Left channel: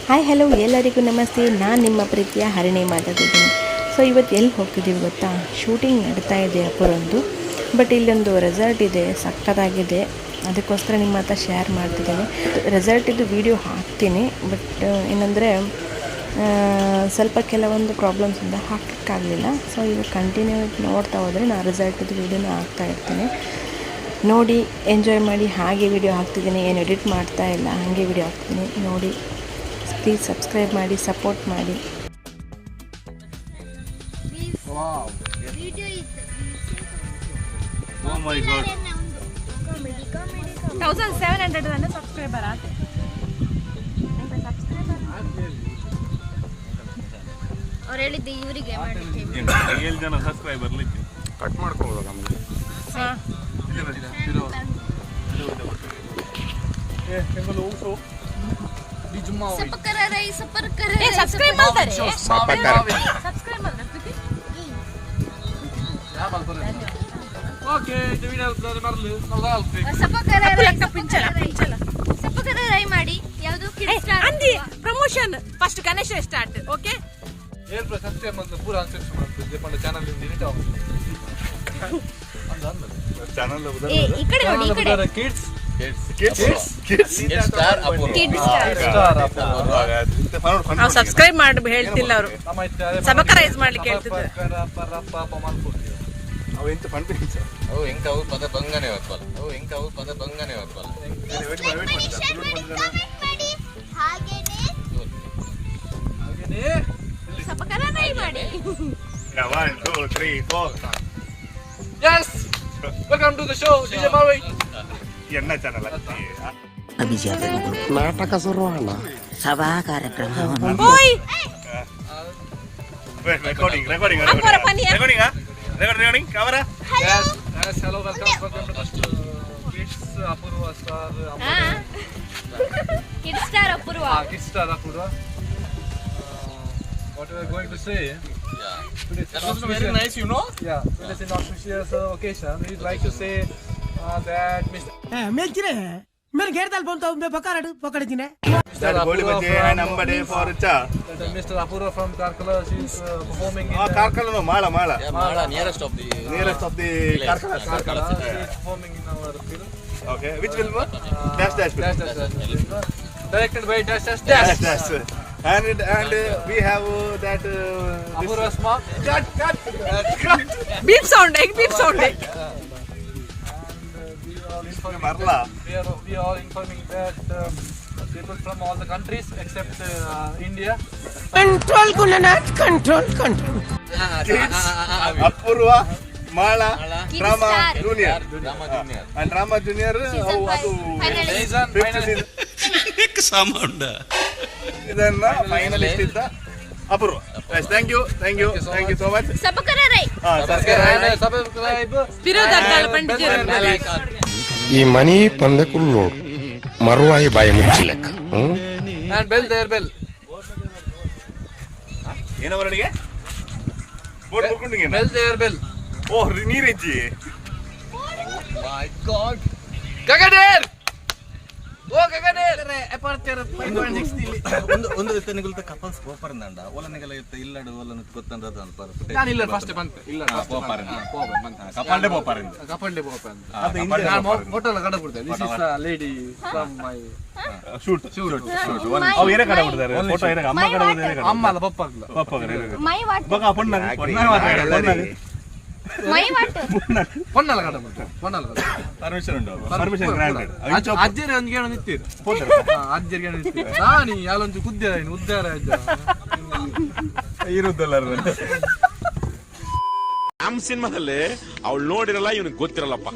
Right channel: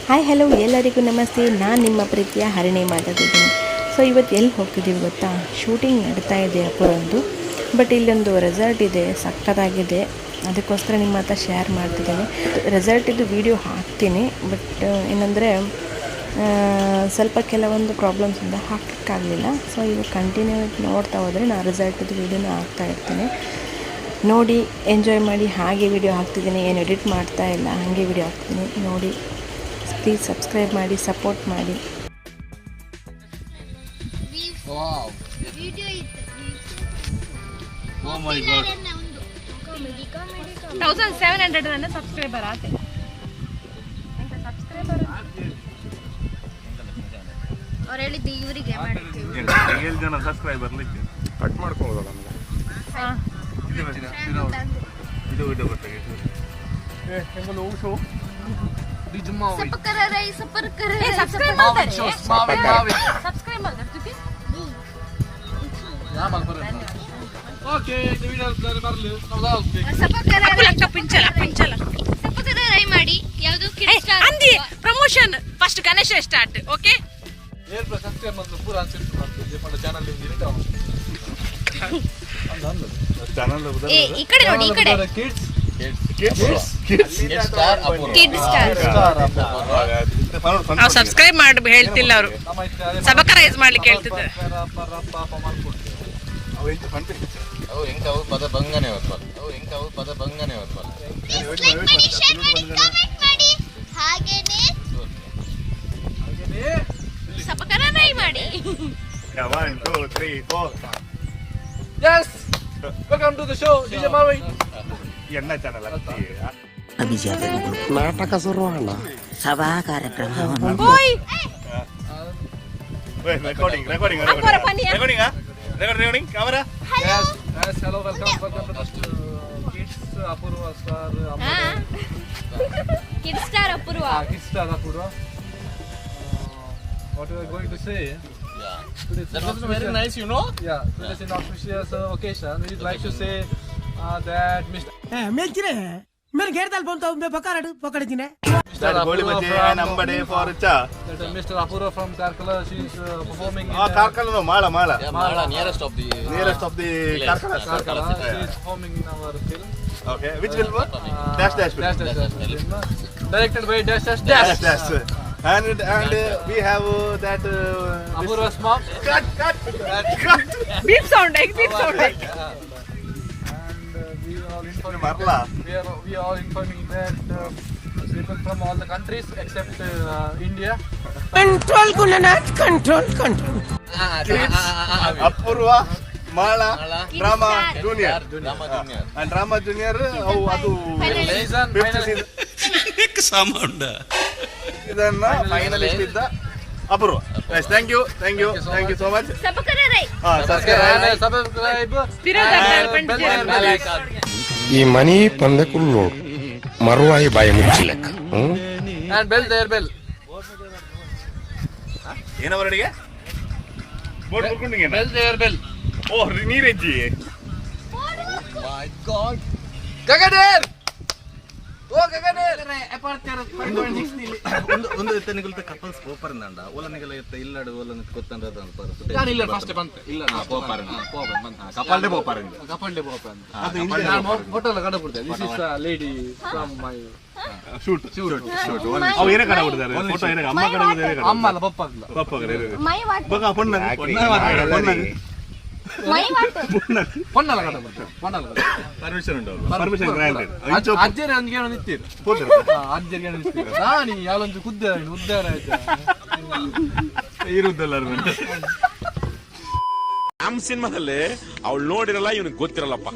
Hi hello ಎಲ್ಲರಿಗೂ ನಮಸ್ತೆ. ನಾನು ನಿಮ್ಮ ಪ್ರೀತಿಯ ಹರಿಣಿ ಮಾತಾಡ್ತಿದ್ದೀನಿ. ಸೊ ಇವತ್ತು ಎಲ್ಲಿ ಹೋಗ್ತಿದ್ದೀವಿ ಗೊತ್ತಾ? ಶೂಟಿಂಗ್ ನಡೀತಾ ಇದೆ ಅಪೂರ್ವಂದು. ಬಟ್ ಇಲ್ಲೊಂದು ರೆಸಾರ್ಟ್ ಇದೆ, ಸಕ್ಕತ್ತಾಗಿದೆ. ಅದಕ್ಕೋಸ್ಕರ ನಿಮ್ಮ ಹತ್ರ ಶೇರ್ ಮಾಡ್ತಿದ್ದೀನಿ. ರೆಸಾರ್ಟಿದ್ದು ವೀಡಿಯೋ ಹಾಕ್ತೀನಿ. ಬಟ್ ಏನಂದರೆ ಸ್ವಲ್ಪ ಕೆಲವೊಂದು ಪ್ರಾಬ್ಲಮ್ಸಿಂದ ಹಾಕೋಕ್ಕಾಗಲಿಲ್ಲ. ಸೊ ಈಗ ಕಂಟಿನ್ಯೂ ನೋಡ್ತಾ ಹೋದರೆ ನಾನು ರೆಸಾರ್ಟಿದ್ದು ವೀಡಿಯೋನ ಹಾಕ್ತಾಯಿರ್ತೀನಿ. ನೋಡಿ ಎಂಜಾಯ್ ಮಾಡಿ. ಹಾಗೆ ವೀಡಿಯೋ ಹಾಕ್ತಿದ್ದೀನಿ, ಏನು ಎಡಿಟ್ ಮಾಡ್ತಾ ಇಲ್ಲ, ಹಾಗೆ ವೀಡಿಯೋ ಹಾಕ್ತೀನಿ. ನೋಡಿ, ಪ್ಲೀಸ್ ಸಬ್ಸ್ಕ್ರೈಬ್ ಮಾಡಿ, ಸಪೋರ್ಟ್ ಮಾಡಿ. Oh my god. 1700 ಸಬ್ಸ್ಕ್ರೈಬರ್ ಆತೆ. ಅವ್ರು ಹೇಳಿದ್ದು ಇವರಿಗೆ ಮಾಡ್ತೀವಿ. 7 ಜನ ಸಬ್ಸ್ಕ್ರೈಬರ್ ಲಿಕ್ಕೆ ಕಟ್ ಮಾಡ್ಕೊಳ್ಳೋದು ನಮಗೆ. ಇದು ಒಟ್ಟಿಗೆ ಹೆಂಗಲ್ಲ ಓಸೋ ಬಿಜುಮಾವಿ ಸಬ್ಸ್ಕ್ರೈಬ್ ಮಾಡ್ತಾರೆ. ಓಕೆ ವಿಡಿಯೋ ಬರಲು ಟ್ರೈ ಮಾಡಿ. ಯಾವುದು ಅಂದಿ promotion first Ganesha start. Okay ಏನ್ ಸಬ್ಸ್ಕ್ರೈಬ್ ಮಾಡ್ತಾರೆ ಪೂರ ಆನ್ಸರ್ ಮಾಡ್ತಾರೆ ಜೆಪಂಡ ಚಾನೆಲ್ ನಿಂತ ಚಾನೆಲ್ ಈ ಕಡೆ ನೋಡಿ, ಈ ಕಡೆ ಕಿಡ್ಸ್ ನಾವು ಸಬ್ಸ್ಕ್ರೈಬ್ ಮಾಡಿ ಹೇಳ್ತಿಲ್ಲ ಅವರು, ಸಬ್ಸ್ಕ್ರೈಬ್ ಮಾಡ್ಲಿಕ್ಕೆ ಹೇಳ್ತಿದ್ದಾರೆ. ಪದ ಬಂಗನೆ ಹೊತ್ತಲ್ಲ ಪದ ಬಂಗನೆ ಹೊತ್ತಲ್ಲ ಸಬ್ಸ್ಕ್ರೈಬ್ ಮಾಡಿ. 1 2 3 4 Yes! Welcome to the show, DJ Mavi. ಎನ್ನ ಚಾನಲ್ ನಾಟಕ ಶುರುವಾಣ ಸಭಾ ಕಾರ್ಯಕ್ರಮವನ್ನು recording camera. Yes, hello, welcome to Kids Apurva Star kids star Apoorva. Kids Star Apurva. What we are going to say? Today That was very nice, you know. Yeah, today is an auspicious occasion. We'd like to say that Mr. ಮೇಲ್ಚಿರೆ ಮೇರೆ ಗೇರ್ದಲ್ಲಿ ಬಂತು ಒಮ್ಮೆ ಬಕಾರಡು ಪಕಡಿತೀನಿ That goli bajji ನಂಬಡಿ for cha. That Mr. Apurva from Karkala, she is performing in Karkala Mala nearest of the Karkala. She is performing in our film. Okay, which film? Dash film. Directed by Dash. And we have that Apurva's mom. Beep sound We are informing Marla. we are informing that people from all the countries except India. Control Gunanath control Kids, Apurva, Mala, Drama Junior. And Drama Junior, ಅದು ಇದನ್ನ finalist ಇದ್ದ Apoorva. Thank you so much. Subscribe. ಈ ಮನಿ ಪಂದಕುಲ್ ನೋಡು ಮರುವಾಯಿ ಬಾಯಿ ಮುಚ್ಚಿಲೆಕ್ಕ. And bell. ಏನವರಡಿಗೆ Bell. O ನೀರೆಜ್ಜಿ. My God. Gagadir. ಒಂದು ಎತ್ತನಿಗುಲ್ತ couples ಪೋಪರ್ನಂಡ ಒಲನಿಗಲ ಎತ್ತ ಇಲ್ಲಡು ಒಲನ ಗೊತ್ತಂದದ ಅಂತ ಪರ ನಾನು ಇಲ್ಲ ಫಸ್ಟ್ ಬಂತೆ ಇಲ್ಲ ಪೋಪರ್ನ ಕಪಾಲ್ಡೆ ಬೋಪಾರ ಕಪಲ್ಡೆ ಬೋಪ ಅಂತ ನಾನು ಫೋಟೋ ಕಡ ಬಿಡ್ತೇನೆ. This is a lady from my shoot ಅವು ಏನೇ ಕಡ ಬಿಡ್ತಾರೆ ಫೋಟೋ ಏನೇ ಅಮ್ಮ ಕಡ ಬಿಡ್ತಾರೆ ಅಮ್ಮ ಅಲ್ಲ ಪಪ್ಪ ಅಲ್ಲ ಮೈ ವಾಟ್ ಬಗ ಪೊಣ್ಣ ಪೊನ್ನಲ ಕಡ ಬಿಡ್ತೇನೆ. ಪೊನ್ನಲ ಪರ್ಮಿಷನ್ ಉಂಟು. Permission granted. ಅಜ್ಜರಿ ಅಂದ್ಗೆ ನಿಂತಿರು ಅಜ್ಜರಿಗೆ ನಿಂತಿರು ನಾನು ಯಾಲೊಂದು ಕುದ್ದೆ ಉದ್ದಾರ ಇರುದಲ್ಲ ನಮ್ ಸಿನಿಮಾದಲ್ಲಿ ಅವಳು ನೋಡಿರಲ್ಲ ಇವನಿಗೆ ಗೊತ್ತಿರಲ್ಲಪ್ಪ,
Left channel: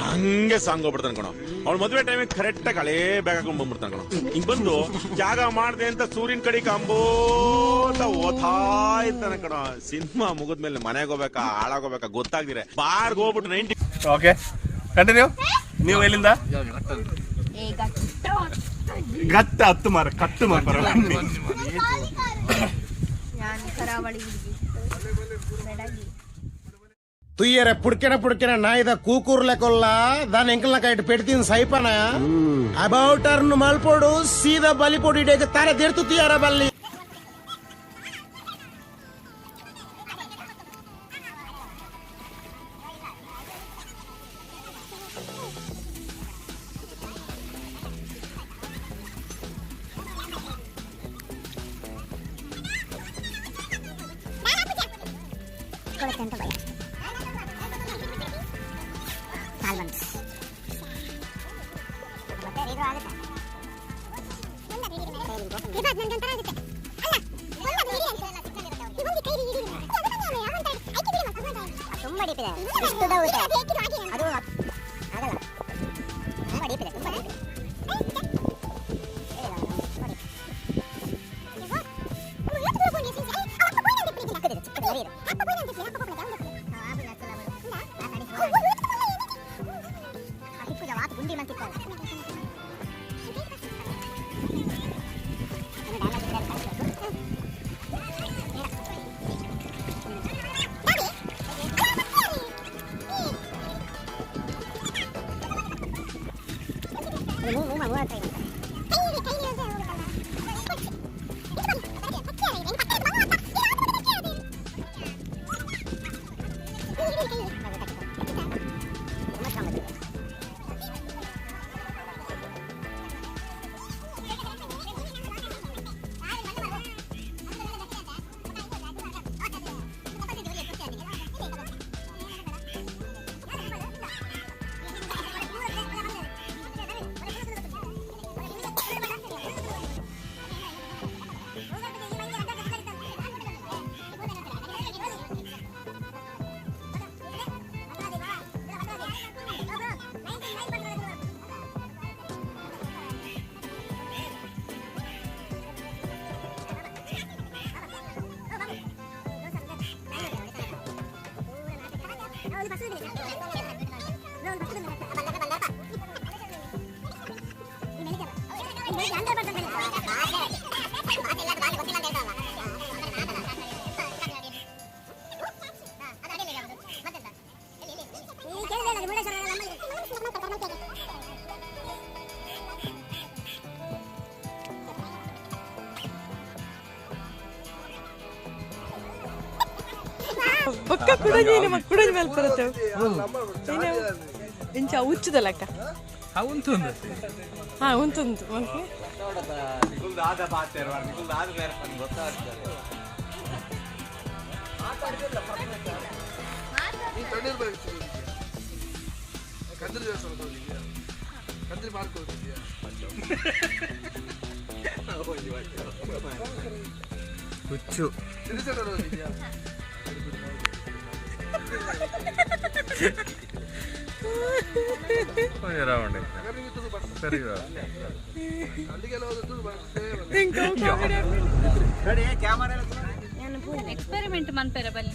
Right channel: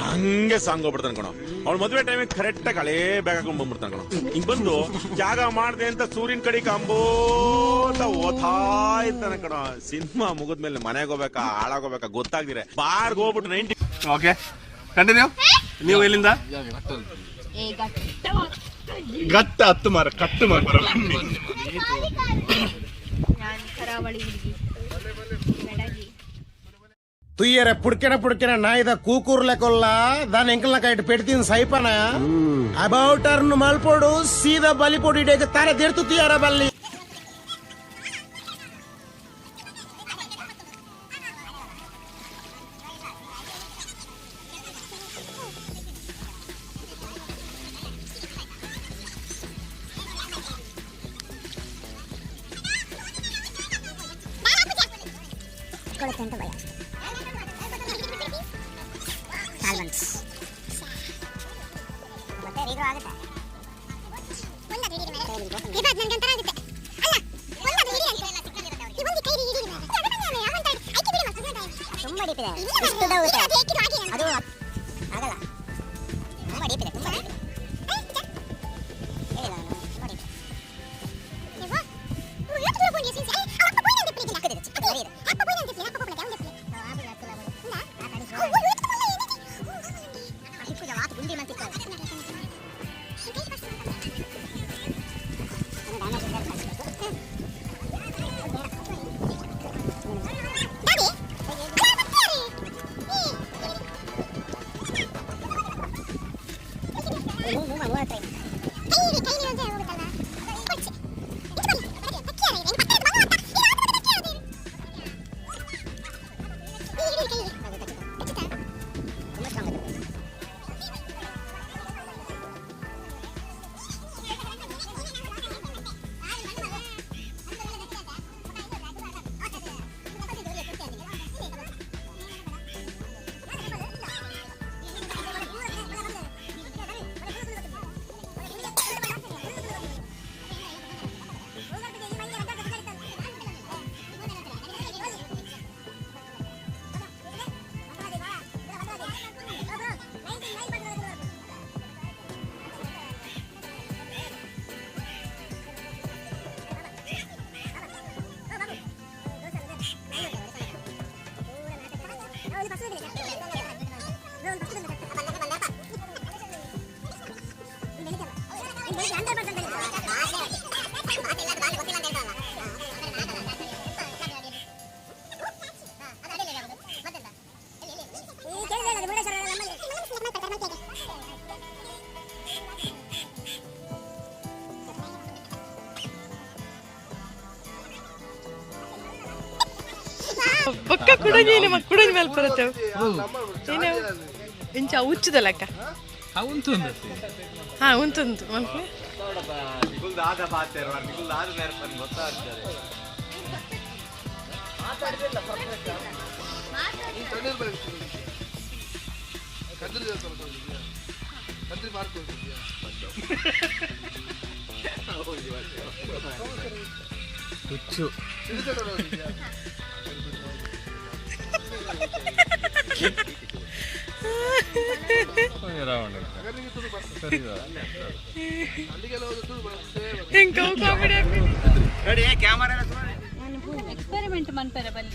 ಹಂಗೆ ಸಾಂಗ್ ಹೋಗ್ಬಿಡ್ತಾನೆ ಕಣೋ. ಅವ್ಳು ಮದುವೆ ಟೈಮಿಗೆ ಕರೆಕ್ಟ್ ಆಗಿ ಹಳೇ ಬ್ಯಾಗ್ ಹಾಕೊಂಡ್ ಬಂದ್ಬಿಡ್ತಾನೆ ಕಣೋ. ಹಿಂಗ್ ಬಂದು ಜಾಗ ಮಾಡ್ದೆ ಅಂತ ಸೂರ್ಯನ ಕಡೆ ಕಂಬೋತ ಓದ್ತಾ ಇರ್ತಾನೆ ಕಣೋ. ಸಿನಿಮಾ ಮುಗಿದ್ಮೇಲೆ ಮನೆಗೆ ಹೋಗ್ಬೇಕಾ ಹಾಳಾಗೋಬೇಕಾ ಗೊತ್ತಾಗ್ದಿರೆ ಬಾರ್ಗ್ ಹೋಗ್ಬಿಟ್ಟು 90. Okay continue. ನೀವು ಎಲ್ಲಿಂದ? ಗಟ್ಟ ಹತ್ತು ಮಾರ ಕಟ್ಟು ಮಾರ. ನಾನು ಕರಾವಳಿ ಹುಡುಗಿ ಬೆಡಗಿ. తుయ్యరే పుడికెన నాయిద కూకూర్లే కొల్లా దాని ఎంకల్న కైట్ పెడితిన్ సైపన అబౌట్ టర్న్ మల్పోడు సీదా బలిపోడు ఇడేక తర దేర్తు తీయరా బల్లి ಪಕ್ಕ ಕುಡಂಜಿ ಕುಡಂಜಿ ಮೇಲೆ ಬರುತ್ತೇವೆ ಏನು ಇಂಚ ಹುಚ್ಚದಲ್ಲಕ್ಕ ಹಾ ಉಂಟುಂಟು ಮಲ್ಪೆ ಹುಚ್ಚು ಎಕ್ಸ್ಪೆರಿಮೆಂಟ್ ಮಾಡ್ತಾರೆ ಬನ್ನಿ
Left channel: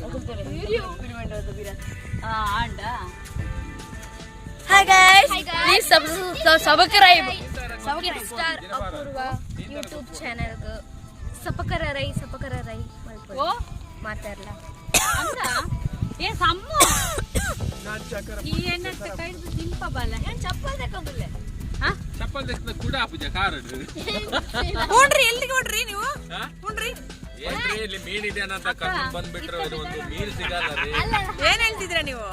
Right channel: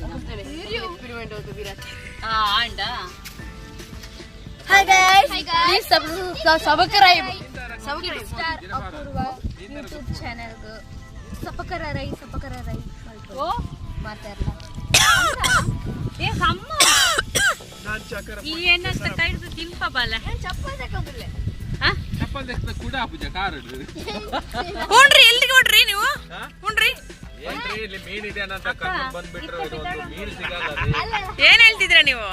hi guys please subscribe star Apoorva YouTube channel ಸಪಕರ ರೈ ಓ ಮಾತಾಡಲ್ಲ ಏ ಸಮ್ಮ ಈ ಎಣ್ಣೆ ಕೈದು ತಿಂಪಬಲ್ಲ ಚಪ್ಪಲ್ ತಕೊಂಡ್ಲೆ ಚಪ್ಪಲ್ ತೆಗೆದ ಕೂಡ ಪೂಜಾ ಕಾರಡು ಹುಣ್ರಿ ಎಲ್ಲಿಗೆ ಹೊಡ್ರಿ ನೀವು ಹುಣ್ರಿ ಏನ್ರಿ ಇಲ್ಲಿ ಮೀನ್ ಇದೆ ಅಂತ ಕರ್ಕೊಂಡು ಬಂದ್ಬಿಟ್ರು ಇದು ಒಂದು ಮೀನ್ ಸಿಗಲ್ಲ ರೀ ಏನ್ ಹೇಳ್ತಿದ್ರ ನೀವು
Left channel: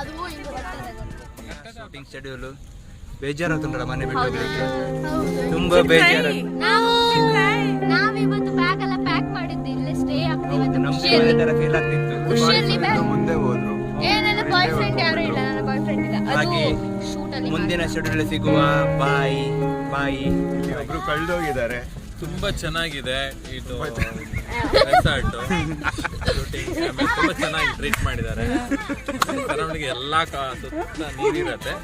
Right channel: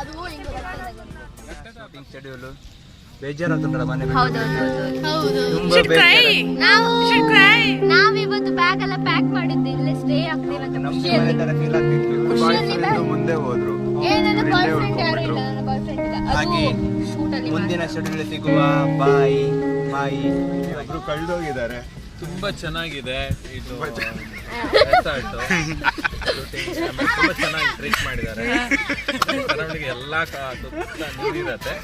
ಅದು ಹಿಂಗ ಬರ್ತದೆ ಶೂಟಿಂಗ್ ಶೆಡ್ಯೂಲ್ ಬೇಜಾರಾಗ್ತುಂಟಲ್ಲ ಮನೆ ಹೌದು ತುಂಬಾ ಬೇಜಾರು ನಾವಿವತ್ತು ಬ್ಯಾಗ್ ಎಲ್ಲ ಪ್ಯಾಕ್ ಮಾಡಿದ್ದೆ ಇಲ್ಲೇ ಸ್ಟೇ ಆಗ್ತೀವಿ ನಮ್ಗೆ ತರ ಫೀಲ್ ಆಗ್ತಿತ್ತು ಮುಂದೆ ಹೋದ್ರು ನನ್ನ ಬಾಯ್ ಫ್ರೆಂಡ್ ಯಾರು ಇಲ್ಲ ನನ್ನ ಬಾಯ್ ಫ್ರೆಂಡ್ ಇಲ್ಲ ಹಾಗೆ ಶೂಟ್ ಅಲ್ಲಿ ಮುಂದಿನ ಶೆಡ್ಯೂಲ್ ಸಿಗುವ ಬಾಯಿ ಒಬ್ರು ಕಳೆದೋಗಿದ್ದಾರೆ. ತುಂಬಾ ಚೆನ್ನಾಗಿದೆ ಇದು ರೆಸಾರ್ಟ್ ಶೂಟಿಂಗ್ ತುಂಬಾ ಚೆನ್ನಾಗಿ ಟ್ರೀಟ್ ಮಾಡಿದ್ದಾರೆ. ಕರಾವಳಿಗೆ ಎಲ್ಲಾ ಸುತ್ತ ನೀರಿರತ್ತೆ.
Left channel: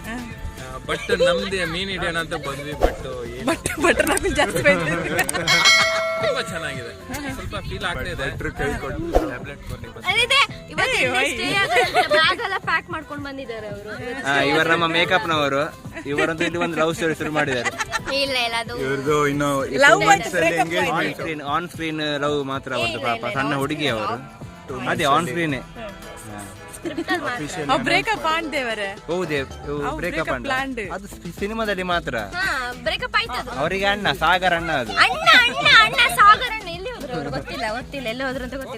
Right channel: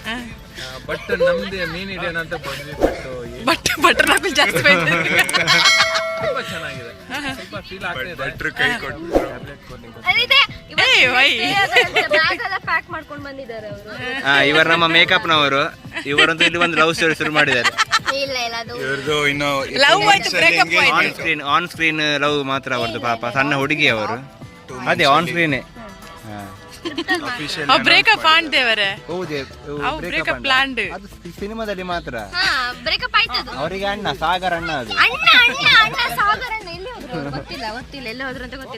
ಬಟ್ ನಮ್ದು ಮೀನ್ ಹಿಡಿಯೋಣ ಅಂತ ಬಂದ್ವಿ ಬಟ್ ತುಂಬಾ ಚೆನ್ನಾಗಿದೆ. ಸ್ವಲ್ಪ ಫೀಲ್ ಆಗ್ತಾ ಇದೆ. ಟ್ಯಾಬ್ಲೆಟ್ ಬ್ಯಾಗ್ ಎಲ್ಲ ಪ್ಯಾಕ್ ಮಾಡ್ಕೊಂಡು ಬಂದಿದ್ದಾರೆ ಅವರು. ಇವರು ನಮ್ಮ ಮೇಕಪ್ ನವರು. ಇವರಂತೂ ಇಲ್ಲಿ ಒಂದು ಲವ್ ಸ್ಟೋರಿ ಶುರು ಮಾಡಿದ್ದಾರೆ. ಇಲ್ಲ ಅದು ಲವ್ ಆಯ್ತು ಬ್ರೇಕಪ್ ಆಯ್ತು. ಆನ್ ಸ್ಕ್ರೀನ್ ಲವ್ ಮಾತ್ರ ಅವರದು. ಪಾಪ ಸಣ್ಣ ಹುಡುಗಿ ಅವರು ಅದೇ ಆನ್ ಸ್ಕ್ರೀನೇ ಬ್ರೇಕಪ್ ಆಣ್ದೇವರೇ ಹೌದೇ ಬ್ರೇಕಪ್ ಪ್ಲಾನ್ಡ್ ಅದು ಸಿನಿಮಾದಲ್ಲಿ ಮಾತ್ರ ಬ್ರೇಕಪ್ ಆಯ್ತದು. ಅವರಿಗೆ ಅಣ್ಣ ಸಾಗರ್ ಅಣ್ಣ ಅದು ಅಣ್ಣ ಸಾಗರ್ ಅಣ್ಣ ಎಲ್ಲಿ ಹೋದ್ರು ಅವ್ರು ಗೊತ್ತಿಲ್ಲ ಎಲ್ಲಿ ಹೋದ್ರು ಅಂತ ಗೊತ್ತಿಲ್ಲ.